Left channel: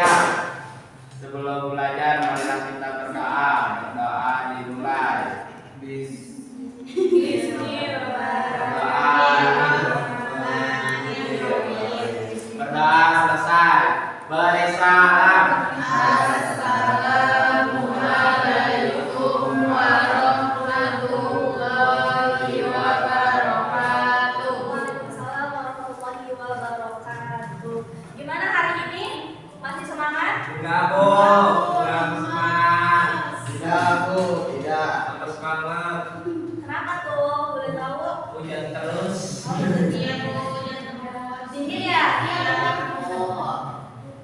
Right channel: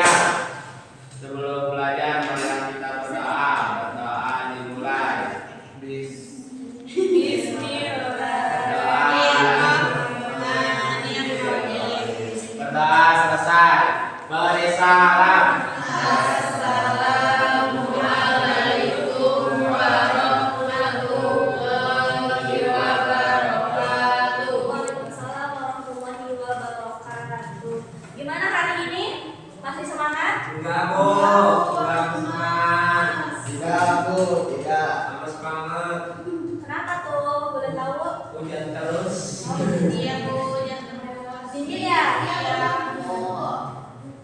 ya. Sebelum belajar, marilah kita berdoa. Berdoa dimulai. Berdoa selesai. Beri salam. Assalamualaikum warahmatullahi wabarakatuh. Waalaikumsalam warahmatullahi wabarakatuh. Gimana hari ini? Masih semangat? Enggak, Bu. Enggak semangat. Tidak, Bu. Tidak. Harus semangat. Kenapa tuh? Boleh tahu? Hujan terus. Oh, iya Bu, hujan terus. Dingin ya?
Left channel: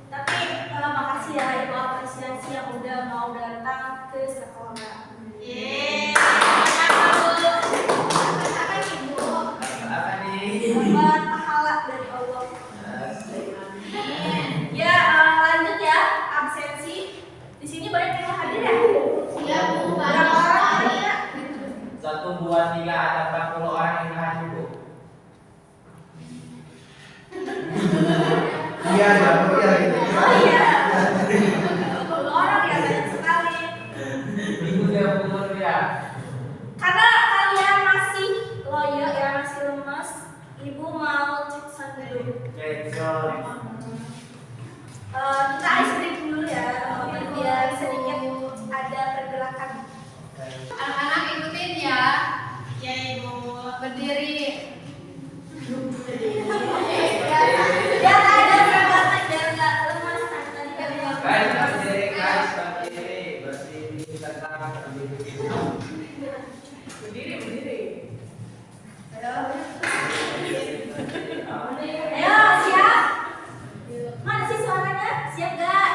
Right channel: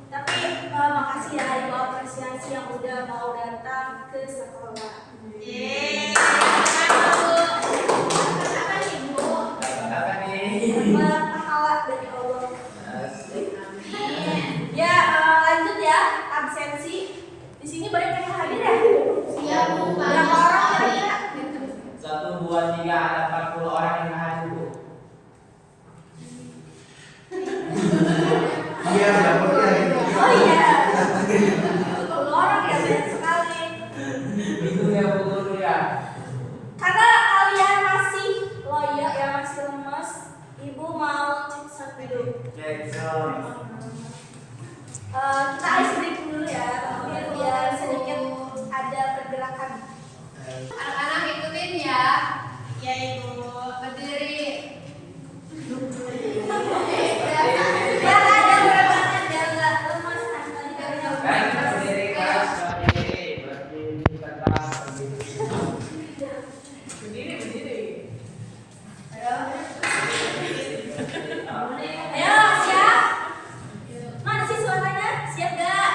Tapi makasih ya Ibu apresiasi yang udah mau datang ke sekolah. Apa nih Bu? Apa nih? Dapat pahala dari Allah. Ya, lanjut ya absensi. Di sini banyak yang hadir ya? Iya, Bu. Berapa orang kira-kira? 1, 2, 3, ada 40 orang yang hadir, Bu. Iya, ya, Bu, ya. Oh iya. 40 orang ya, banyak sekali. Minggu ya, Bu, ya. Karena kalian masih loyo ya, masih lemes, Ibu mau cek satu dulu. Jackson. Kita ice breaking dulu ya, biar sedikit ada pergerakan. Anak-anak ikutin ya. Ya, Ibu. Berdiri. Biar ada pergerakan, biar nggak lemas. Tadi kan Guys, berdiri, guys. Berdiri, tenang, berdiri. Ayo, siap? Mana sih suaranya? Siap gak?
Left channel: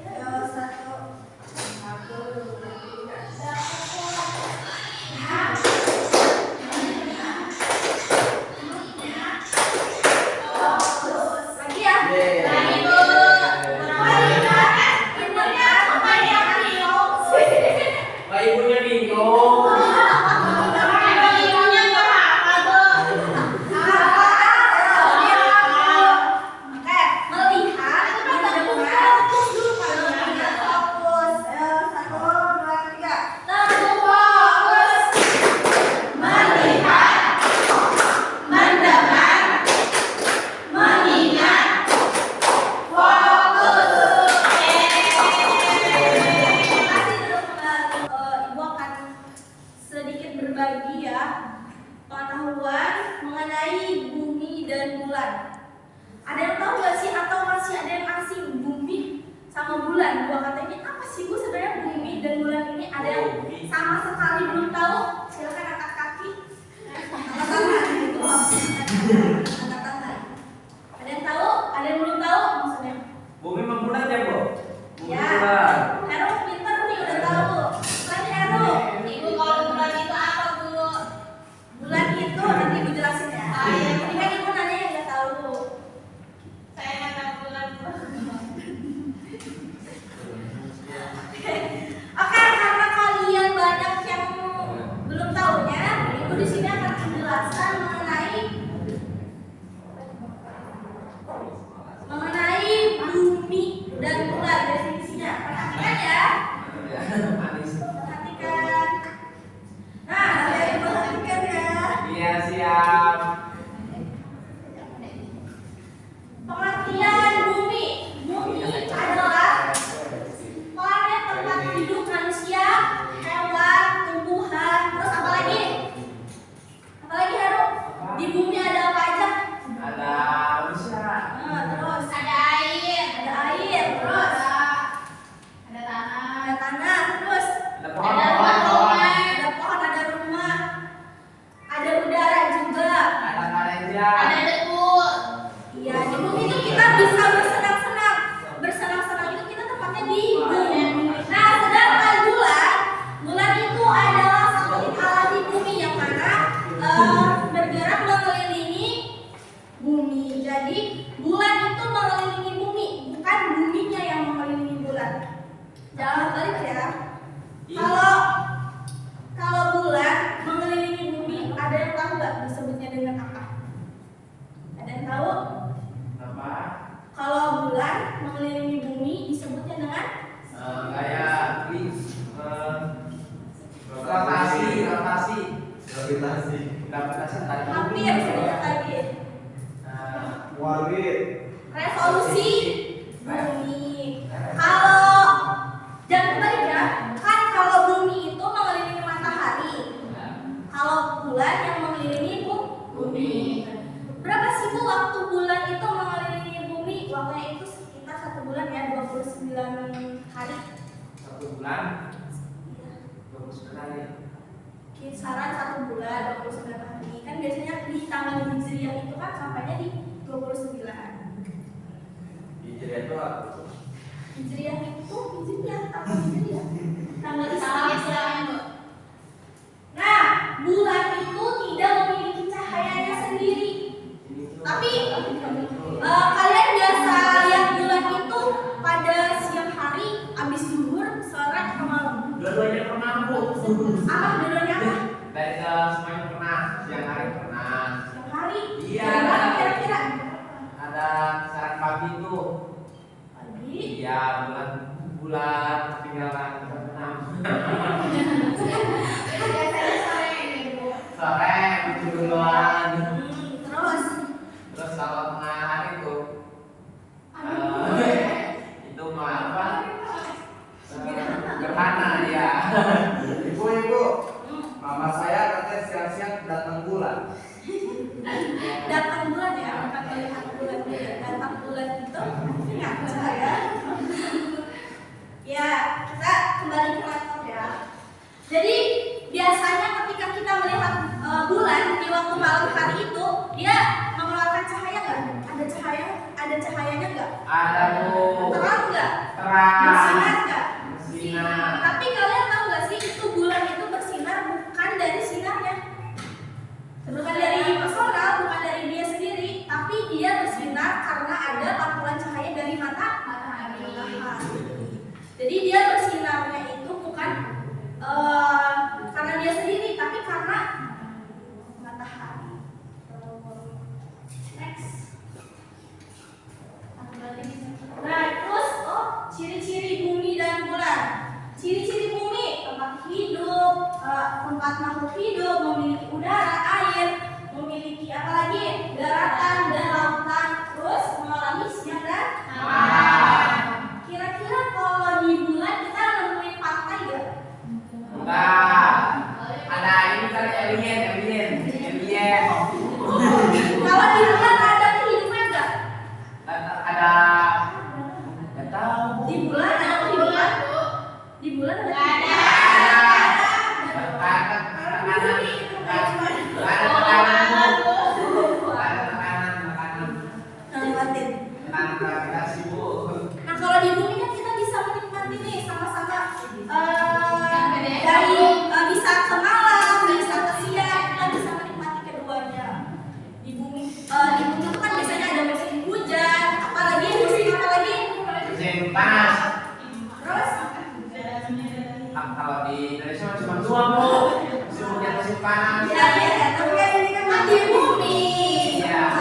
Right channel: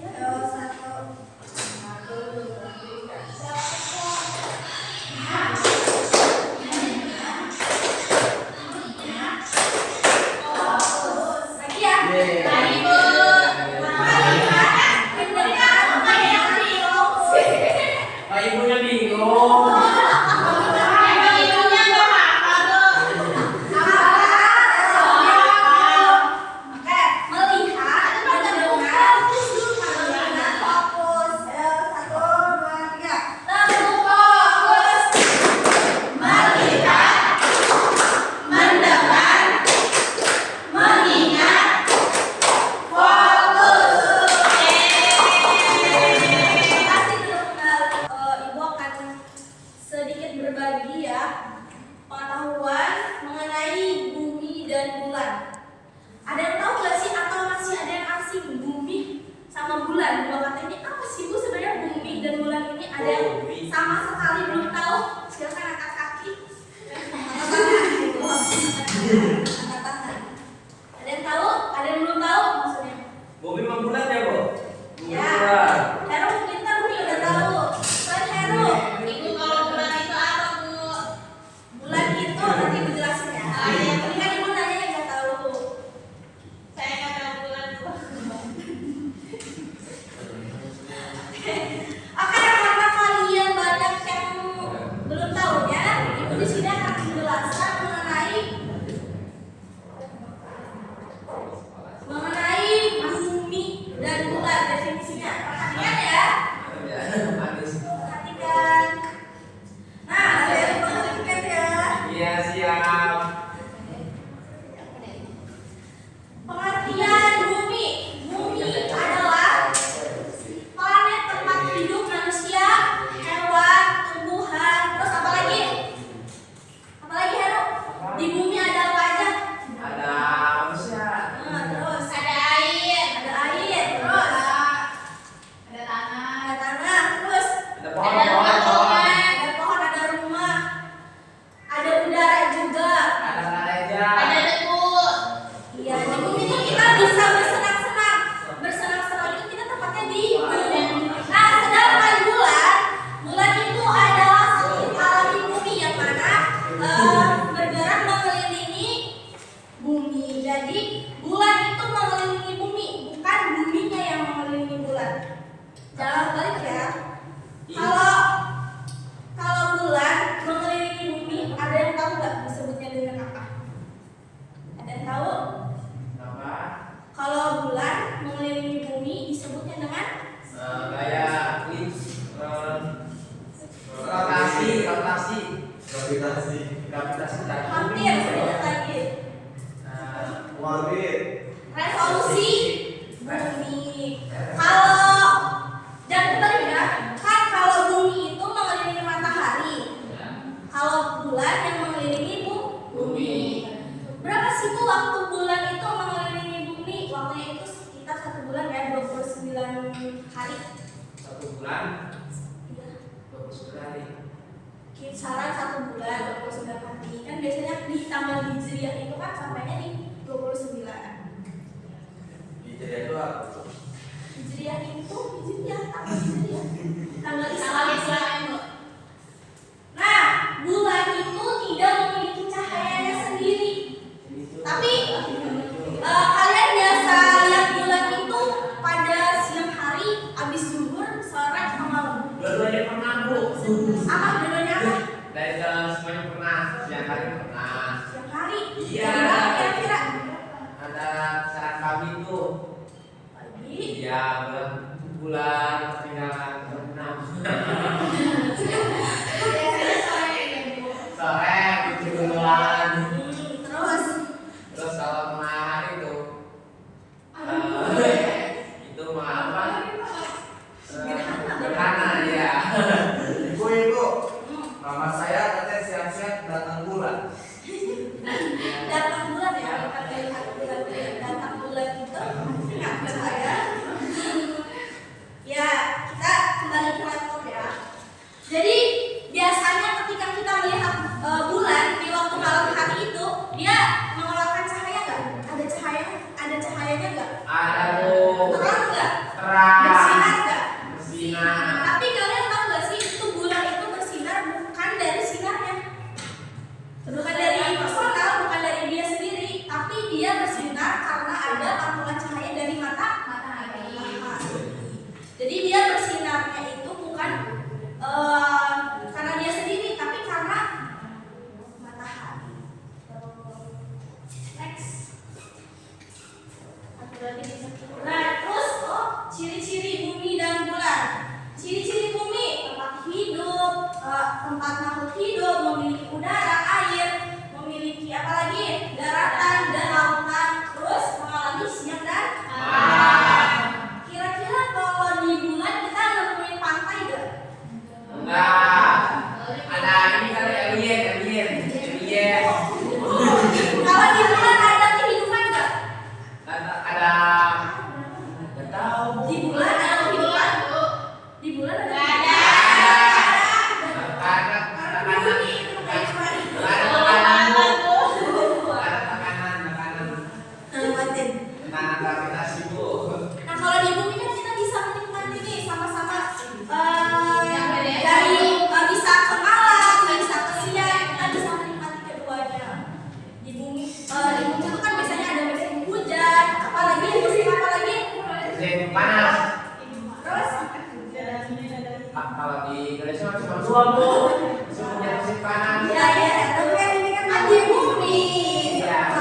Ayo, satu. Lagi ya? Lagi, Bu. Pak Ibunya bingung. Ibunya nggak hafal, Bu. Melihat, mendengar, fokus. Satu, dua, tiga. Langsung fokus. Melihat, mendengar, mengingat, fokus. Terima kasih teman-teman. Ibu akan sedikit berbagi ya pengetahuan mengenai bumi dan bulan. Ada yang tahu nggak sih atau masih ada yang asing bumi sama bulan? Dua kata ini apa sih Bu sebenarnya bumi dan bulan ini? Ada yang sama sekali belum tahu? Silakan angkat kaki. Angkat tangan. Angkat tangan. Ada yang tahu? Ada yang belum tahu maksudnya? Bumi membulat ya, Bu? Bumi Ya. bulat. Heru pintar nih udah tahu. Bulan Heru. Ibu, kalau bulan itu apa, Bu? Bulan itu nanti Ibu jelasin ya. Ini kan Ibu nanya yang nggak tahu. Saya nggak tahu bulan, Bu. Oke, karena kalian banyak yang belum tahunya, Ibu di sini akan menjelaskan mengenai bumi dan bulan definisinya. Perhatikan ya. Manis. Perhatikan. Nah, kalian perhatikan ya. Iya, siap. Pengertian bumi. Bumi adalah planet tempat hidup manusia, hewan, tumbuhan, terus apa lagi? Apa lagi Haru? Di bumi ada apa aja? Ada manusia. Terus Ada air. ada air, terus Ada tanah. ada tanah, terus Ada pohon. ada pohon, ada rumah, ada udara juga. Ada gereja. Ada debu. Iya, di bumi itu kita bisa bersenang-senang. Bersenang-senang itu kita tempatnya di bumi. Nah, sedangkan bulan itu adalah satu alam di bumi yang mana bergerak mengelilingi bumi. Jadi bulan itu mengelilingi bumi, bukan buminya yang mengelilingi bulan. Jangan balik ya. Kalau bulan mengelilingi bumi, ada yang tahu nggak disebutnya dengan apa? Ada yang tahu? Revolusi bumi. Kalau dan kebalik ya, kan kalau bumi itu mengelilingi matahari, kalau bulan yang mengelilingi bumi. Berapa sih Bu waktu bulan itu mengelilingi bumi? Waktunya itu sekitar 1 bulan ya, 29 hari. 1 bulan 29 hari. Kisaran 1 bulan 29 hari. Kan biasanya di tanggal Hijriah itu kan sampainya di 29. Hijriah itu apa? Hijriah itu apa Hijriah? Tanggal Islam. Nah, bulan itu tidak memiliki cahayanya sendiri. Tapi kalian biasa lihat bulan itu pada siang hari, habis zuhur, sore, atau malam. Dua-duanya pernah Bu. Apa dua-duanya apa? Dari semuanya pernah. Siang hari pernah. Siang hari. Iya. Jadi berapa kira-kira? Ada saran pagi tuh. Pagi. Iya, bulan ketinggalan berenang. Biasanya sore ini Bu. Sore itu duluan. Terus Kalau tengah hari tuh itu mah apa? Gerhana ya. Ibu, mama saya katanya siap-siap datang bulan. datang bulan ya, bukan melihat bulan ya. Datang bulan itu ingat saya. Ya, kita kembali ke laptop ya. Jadi biasanya ketika kita melihat bulan di waktu malam hari itu, dia mengeluarkan cahaya nggak? Ada cahayanya nggak? Ada Bu. Terang nggak? Terang. Bersinar nggak? Bersinar. Tapi kalian tahu nggak sih itu bulan itu bersinar bukan dari sinarnya, bukan dari personal, bukan dari dia sendiri, tapi dia bersinar karena ada pantulan cahaya dari matahari. Jadi dia bersinarnya itu bukan karena dia sendiri, tapi karena matahari. Next. Nah, terus ciri-ciri bumi dan bulan. Ciri-ciri bumi: tempat hidup, tempat makhluk hidup, memiliki udara, air, memiliki apa lagi? Daratan dan lautan. Terus mengalami siang dan malam. Kira-kira kalau di bulan kita nemuin pantai gak? Enggak. Ada ini kali alien. Kalau di bulan ada kehidupan gak? Ada. Enggak tahu. Di bulan ada kehidupan? Di bulan ada kehidupan? Nah, kalau di bumi kan kita bisa menikmati nih sama-sama dari bisa ke malam, bisa ke siang, kita bisa menikmati keduanya. Di bumi itu kan biasanya ada musim hujan, apalagi musim apalagi? Musim panas. Terus Kalau di Indonesia cuma dua Bu. Musim hujan, musim panas. ya, tapi kan ini kan di bumi. Iya.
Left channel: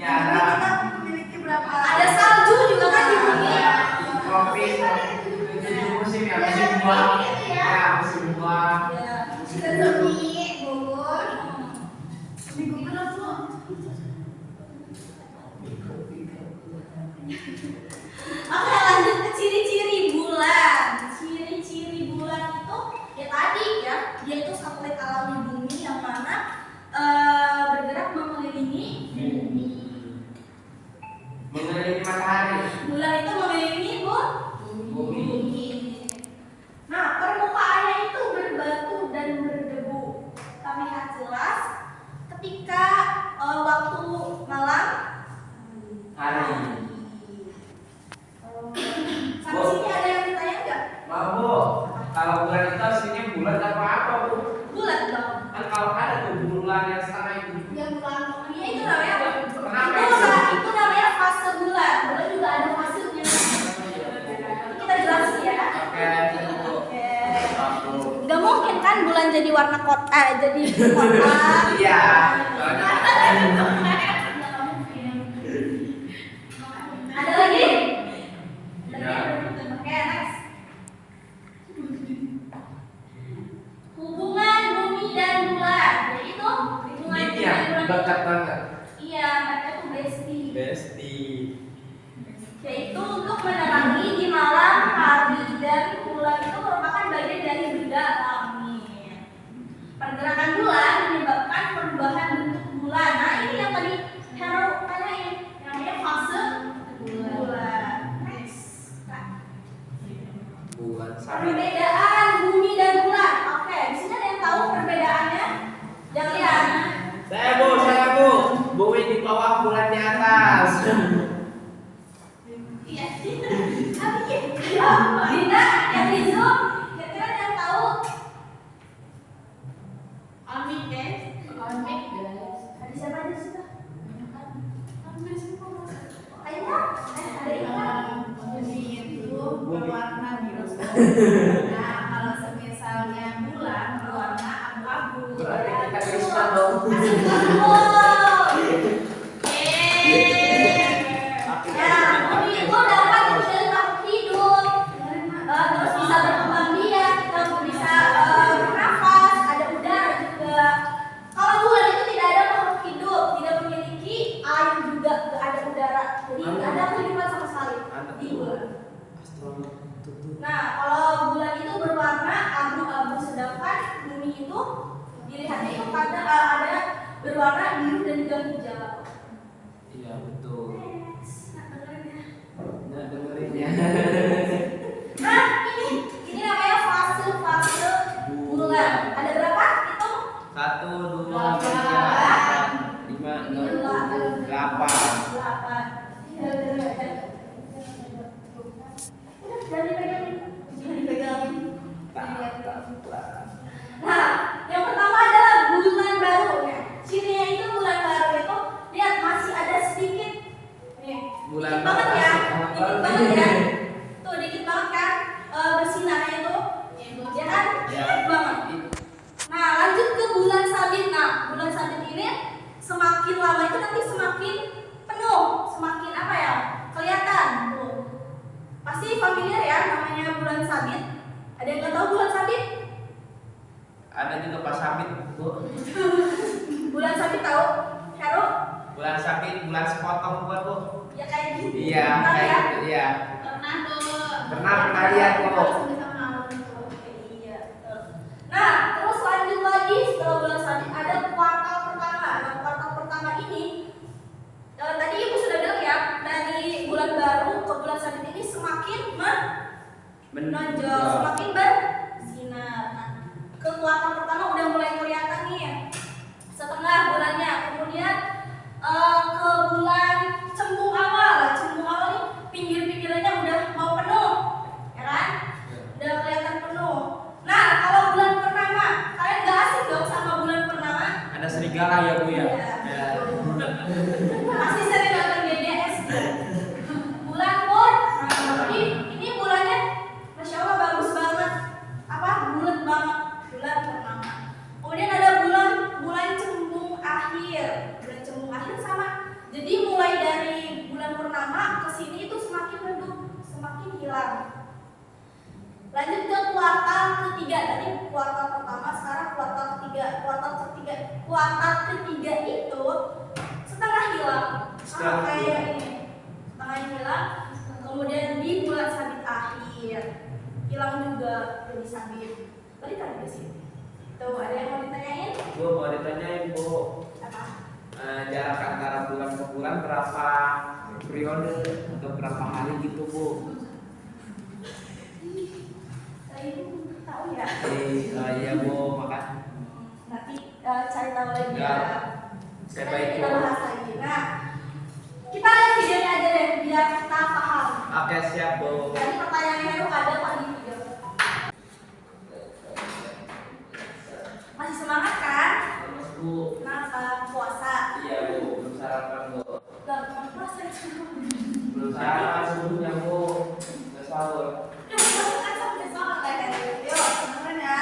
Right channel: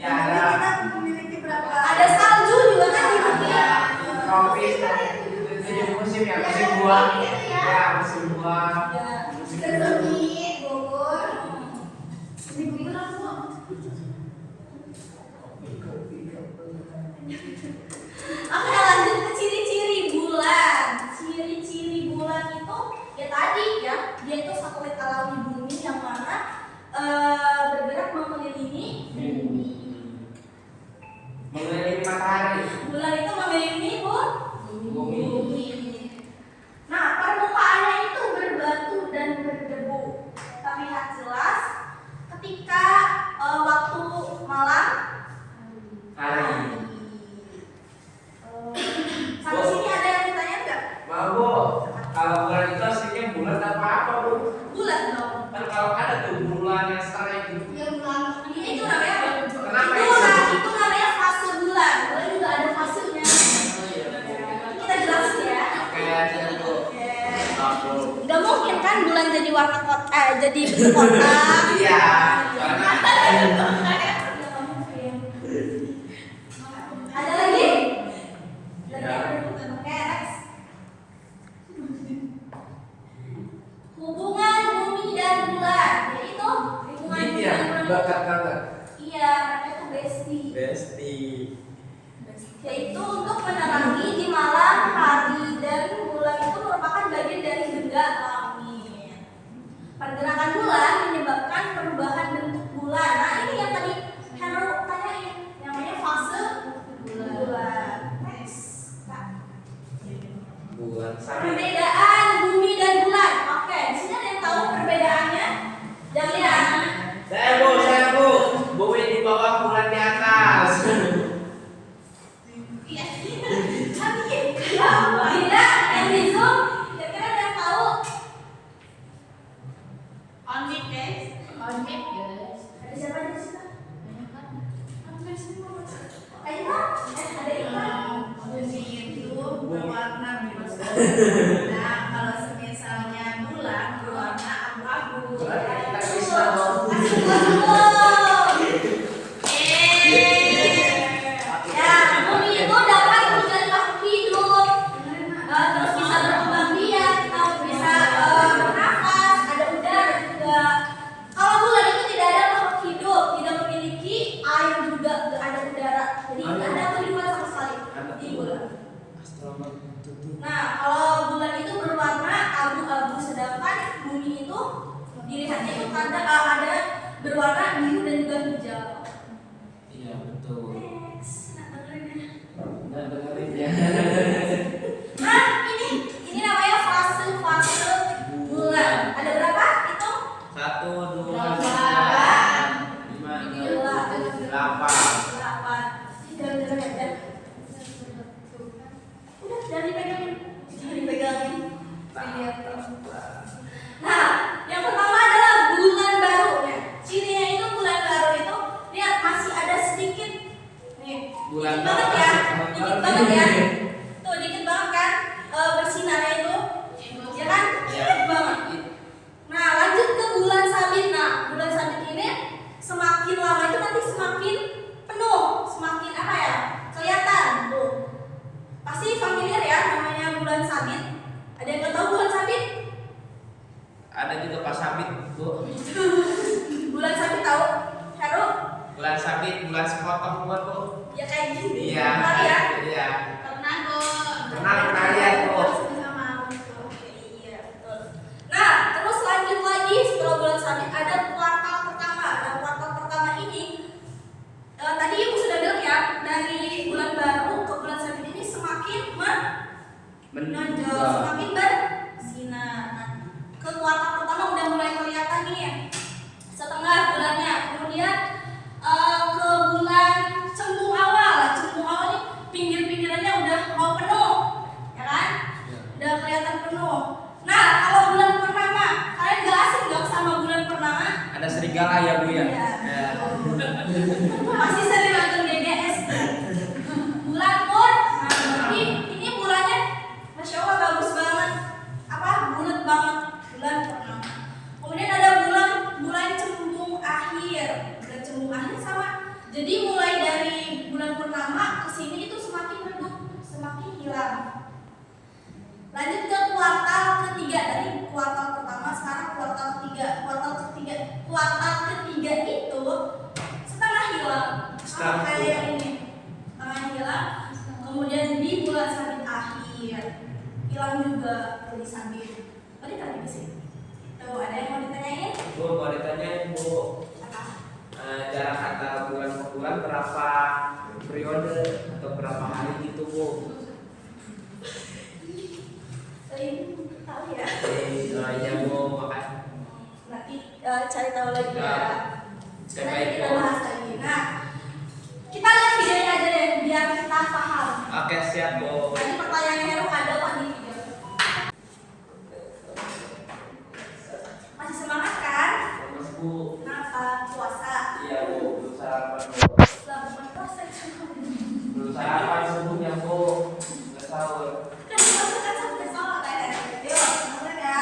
Ya ada. Kita memiliki berapa? Ada salju juga kan di bumi. Tropis. Jadi musim ya, musim buah. Ya, musim buah. Ya. Kita semi Bogor. Minggu itu langsung. Oke, lanjut ke ciri-ciri bulan. Ciri-ciri bulan itu ya tadi ya, dia itu satelit alami bumi yang mana bergerak mengelilingi bumi. Mengelilingi matahari. Bulan itu mengelilingi Bumi. Nah, permukaannya itu berbatu dan berdebu. Terlihat jelas ketika waktu malam Hari. Sampai sini ada yang ditanya nggak? Mau Bu. Kalau bulan itu aslinya bulan apa Bu? Bulan dong. Kan kalau ada tuh bulan yang setengah itu. Ya bulan. Itu namanya apa? Kenapa Itu namanya fase bulan. Bulan juga ada fasenya. Kita jelasin ya. Oke, jadi Bu. Oke. Gak mungkin kan bulan jadi warna kotak, jadi kotak. Iya. Soalnya Nggak mungkin. Ada lagi? Ya. Oke, next. Hubungan bumi dan bulan. Jadi itu hubungan Ini bumi ya, dan bulan. dekat banget. Iya, mereka tuh bestie. Besti. Yaitu untuk menerangi di malam hari dan bulan itu merupakan bagian dari benda langit. Pergerakan bulan menyebabkan perubahan bentuk bulan. Nah, ini yang tadi Hero tanyain, yang namanya fase bulan. Next, Kak. Bulan sabit. Perbedaan bumi dan bulan. Oke, di sini ada yang tahu perbedaannya? Jangan lihat. Saya bu. Bumi di bawah, bulan di atas. Iya. Dinda, yang di Zoom, kira-kira ada yang tahu? On mic, guys. On mic, guys. Ada siapa di situ? Banyak kan? Hampir semua. Ayo, ada Iman. Bumi itu berwarna biru. Nah, kalau semisalnya bulan berwarna abu-abu. Berarti kita Kristen dong. Ya, bumi itu dapat menjadi makhluk hidup. Terus bisa berkembang biak, kita bisa bernafas, ada udara juga. Kalau bulan itu tidak ada makhluk hidup, tidak memiliki air juga, tidak ada udara. Jadi tidak ada kehidupan sama sekali di bulan. Nah, kalau bulan itu berwarna abu-abu, sedangkan bumi itu dilihatnya itu ada berwarna biru dan juga hijau. Iya betul. Next, nah dengerin ya. Nah dengerinnya. Nah, ini namanya fase bulan. Ada berapa? Itu 1, 2, 3, 4, 5, 6, 7, 8. 8. Udah, jangan dipegangin. Jangan dipegangin. Nah, yang pertama adalah bulan baru. Ya. Cirinya itu bulan baru itu lihat masih ada sedikit nih. Bulan Dikit banget ya. baru. Dikit banget ya. Tuh, dikit banget kan bersinarnya itu. Ya kan? Ya. Dikit banget. Nah, lanjut ke bulan sabit. Nah, bulan sabit ini semakin lama itu nanti semakin penuh, semakin apa ya? Kelihatan. Tuh. Pasti familiar ya namanya bulan sabit. Ada yang nggak tahu bulan sabit? Ada juga pas sabit bu. Bulan sabit tahu? Heru? Bulan sabit, bulan sepotong buat bu. Ya kayak gitu. Iya. Benar ya? Iya. Tornado. Pernah lihat bu. Sama itu. Oke, iya betul. Nah, terus lanjut lagi setelah bulan sabit ada kuartal pertama. Nah, kuartal pertama ini tadi ibu sudah bilang ya, dari bulan baru ke bulan sabit ini semakin menonjol, semakin bersinar. Nah, ke kuartal pertama udah mulai kelihatan nih setengah bulannya. Kemudian ke bulan cembung awal. Cembung awal nih pinggir-pinggirannya udah mau penuh, ya kan? Udah kelihatan penuh. Nah, kalau bulan purnama, kalian gak asing dong sama bulan purnama? Ada serigala ya bu ya. Iya. Ya. Masih sering nonton BBS. Bulan Pur, nah, ini bulannya, masya Allah bagus banget. Apa? Bulat banget. Bulan purnama. Kemudian ada bulan cembung akhir. Bulan cembung akhir sama. Jadi mulai dari bulan purnama ke sini itu semakin redup, semakin hilang. Lanjut ke kuartal ketiga. Tadi kuartal pertama, sekarang kuartal ketiga. Kuartal ketiga itu setengah hilang. Sama kayak ini. Setengah hilang. Kemudian di bulan sabit akhir hilang juga jadi sabit. Balik lagi ke sini. Tuh, ada yang mau ditanyain? Bu boleh tanyain bu. Apa? Jarak antara bulan ke bulan berapa periode atau berapa hari gitu bu? Ibu tahu ya? Iya bu makasih. Nanti cari tahu lagi ya. Saya Nanti baik kita bu. bahas lagi. Nah, kita lihat videonya aja deh biar kita paham. Oke siap bu. Tadi pertanyaan Heru ada apa di video? Masih semangat kan? Terus bu. Kenapa? Puasa. Iya bu. Belum sarapan bu. Lah, bukan puasa itu. Belum sarapan subuhnya bu. Udah sahur. Kan puasa kan sampai sholat kan ya? Yuk, teman ya.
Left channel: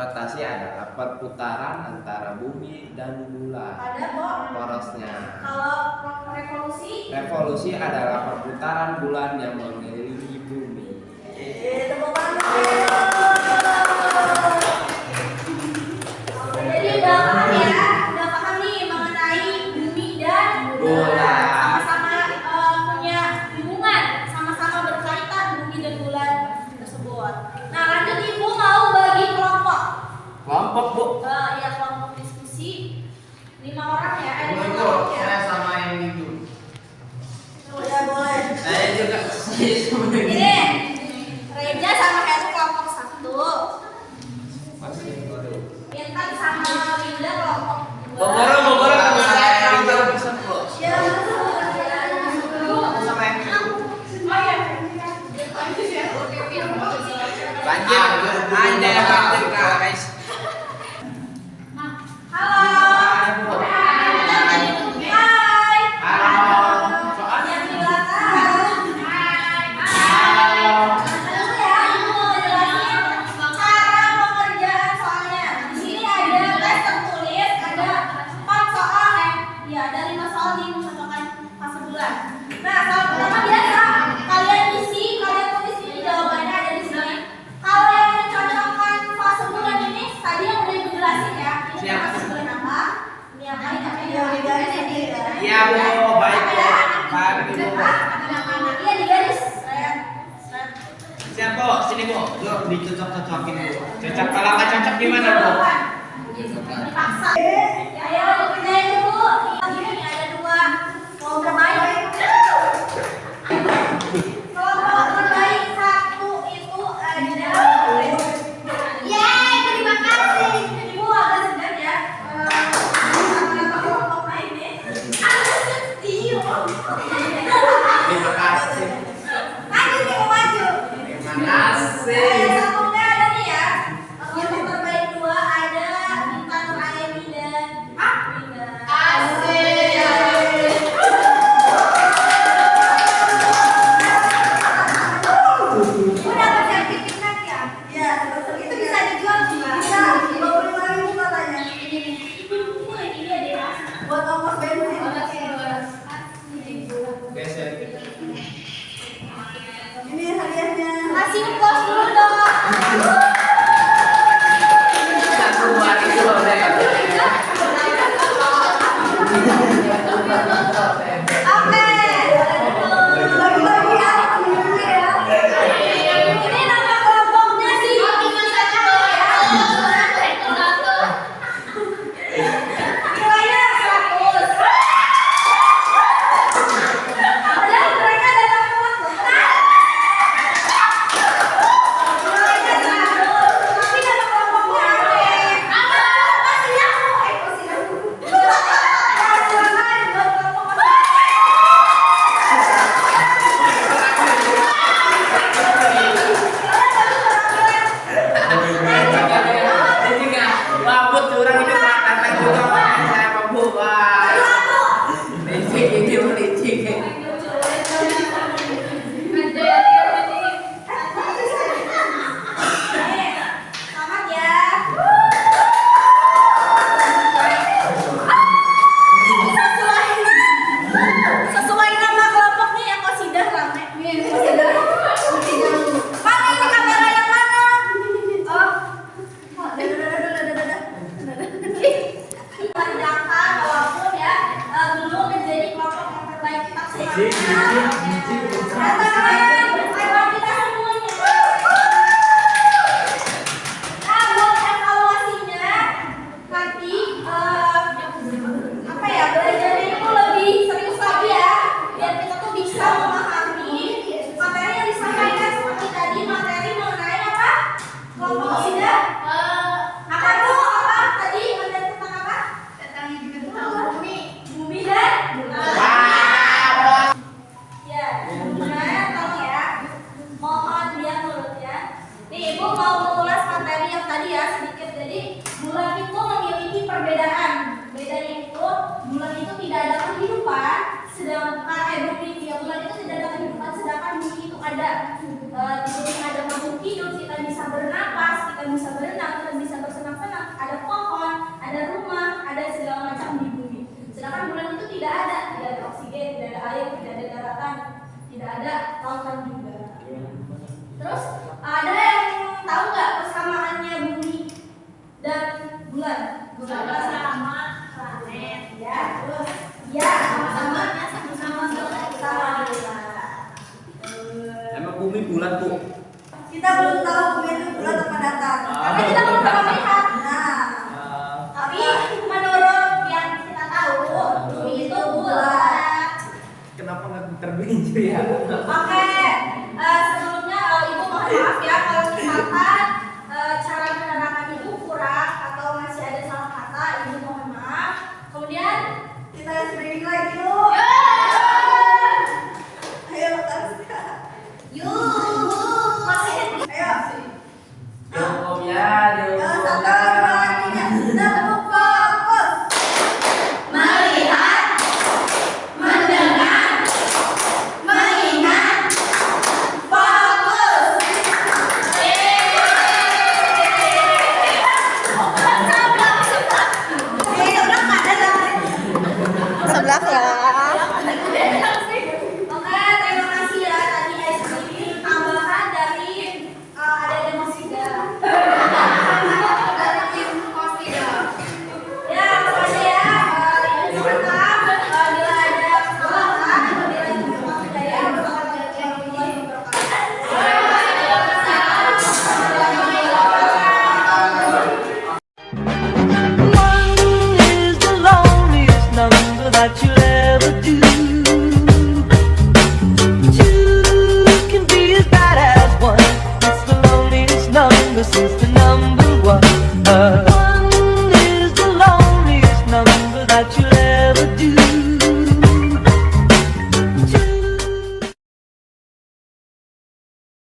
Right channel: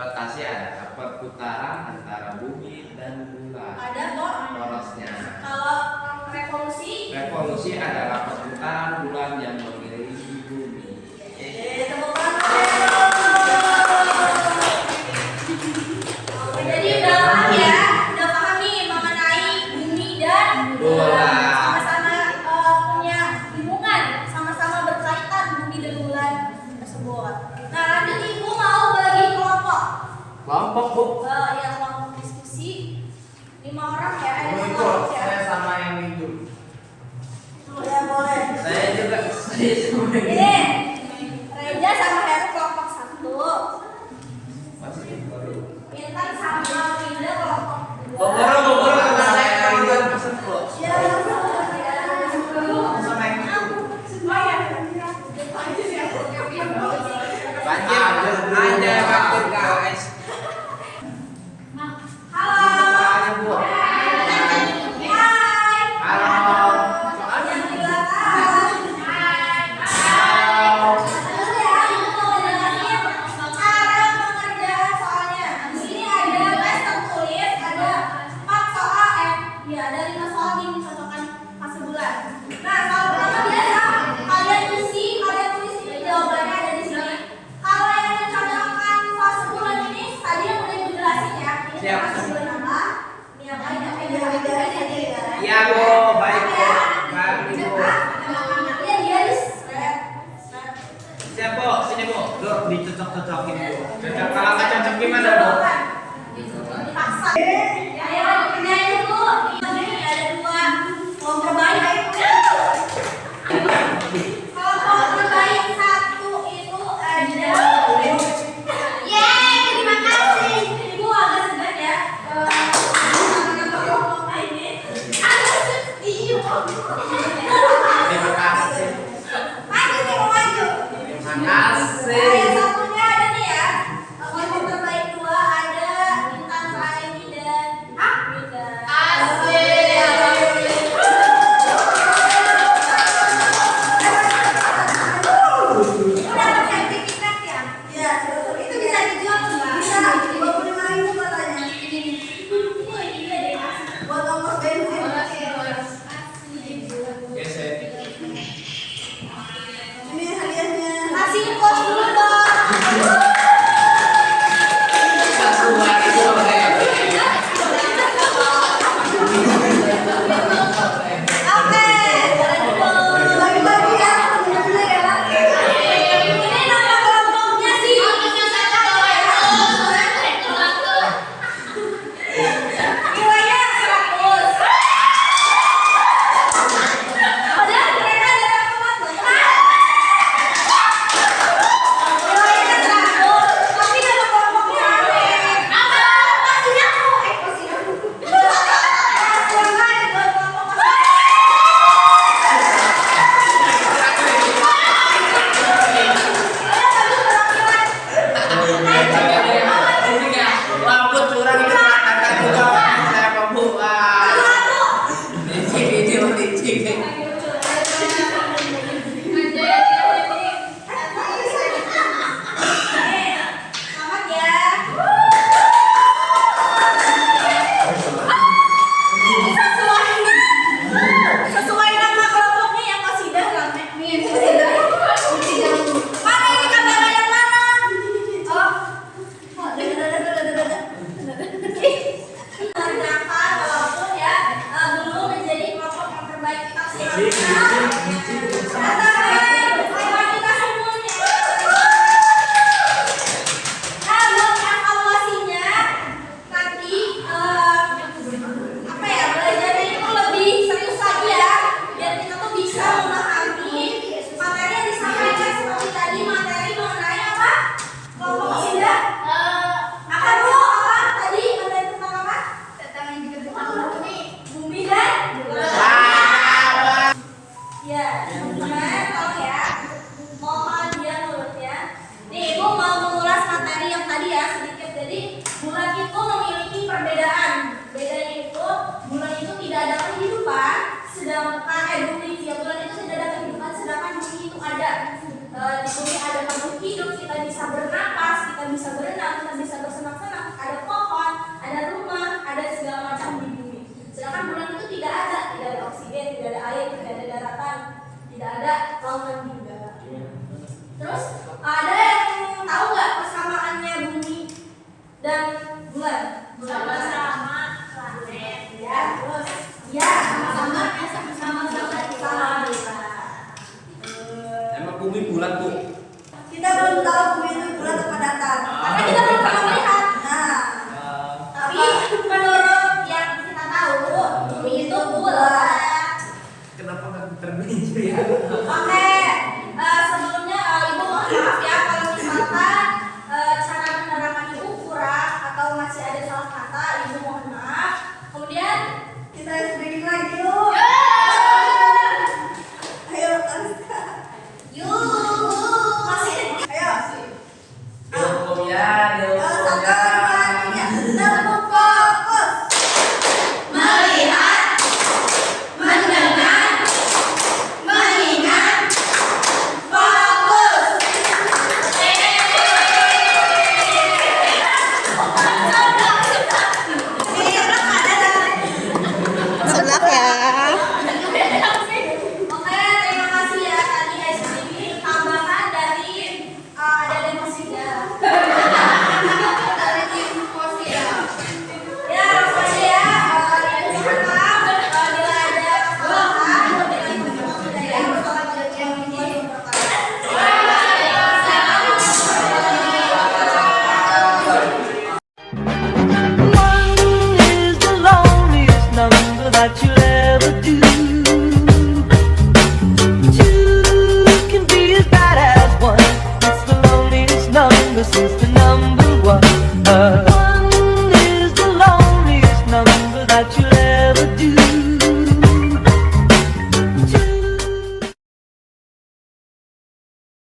Rotasi adalah perputaran antara bumi dan bulan. Ada kok. Porosnya. Kalau revolusi? Revolusi adalah perputaran bulan yang mengelilingi bumi. Tepuk tangan. Jadi udah paham ya, udah paham nih mengenai bumi dan bulan. Sama-sama punya hubungan, sama-sama berkaitan bumi dan bulan tersebut. Nah lanjut ibu mau bagi kelompok. Kelompok bu. Ya kelompok diskusi 5 orang ya, ada Ibu 5 ikut, kelompok ya. saya sama yang itu. Ya boleh. Saya juga. Saya sama Ini Reja sama Heru kelompok 1. Masih baru. Intan sama Winda kelompok 2. Bogor kemana? Yang baru pesan bu. Ya, Aku sama yang itu. Lanjut. Anda lanjut guys. halo. Ayo bu. Hai. Halo. Yang di belakang. Halo. Lalu ya, ibu mau jelasin cara pengerjaan soalnya. Di sini ada tes tertulis, ada 4 soal ya ada 5 soal nih misalkan fase bulan. Nah, soal pertama biasa kalian isi, kalian tulis ini jawabannya ada di sini. Kalau yang mencocokkan fase bulan ini tadi yang udah ibu jelasin ya. Ini Siap. fase bulan apa? Ini apa ini apa ini apa ini. Iya bu, baik bu. Kami bu. Iya dia di Siap bu, sini bu. Lu dicocok-cocokin bu. Cocok kalau nggak cocok gimana bu? Dipaksa. Ayo dikerjain dulu. Ini ada 2 kelompok terbaik. Kelompok terbaik 1 itu ada. Yeay, terima kasih. Ibu agak segan ya. Sama kelompoknya ini. Agak sedih. Terima kasih. Maju nih, mau maju. Terima Nah, kasih. yang satunya ada nih ya. Kelompok terbaik 2 ada Intan, Nuraini dan Winda. Udah dapat sertifikat ya? Iya, itu bisa dijual nggak? Bisa, 25.000 katanya. Ini ada kasih. Buat ongkos bensin. Geser. Ini hadiahnya. Kasih ongkos dulu dong. Satu buat itu loh, Dek. Oke, bagi-bagi ya teman-teman ya. Ini nama kelompoknya sih. Nilainya 100. Padahal mereka dalam kelompok. Nilainya 100. Tapi nama kelompoknya aneh. Kasih aku. Kasih aku. Silakan buat kelompok Wabut turun itu katakan juga saya membuka. Licik video licik. Selamat ya. Sesuai nama kelompoknya yang kosidah rame. Mana ini kamera yang mana? Oh, Tapi kita belum pernah melihat. Nah, tapi menurut yang kita tahu, bumi itu bulat. Kenapa nggak terbincu ya? Oke, sebelumnya ibu mohon maaf ya kalau misalkan cara menerangkan ibu kurang atau masih ada salah kata, ibu mohon maaf. Kemudian kita screening lagi yuk. Ayo teruskan. Yuk, masih ayo. Dihukum ya, dihukum Satu, ya. dua, tiga. Tepuk fokus. Melihat, mendengar, mengingat, fokus. Sebelah ya. Oke, terima kasih ya tadi SPB tambahan dari ada musiknya. Dari tim Kosia. Ya, langsung aja ya. Mohon maaf bila ada kesalahan, bila itu memang tidak ya, merupakan kejadian yang One is the loneliest number that you'll ever do. Two can be as bad as one. It's the loneliest number since the number one.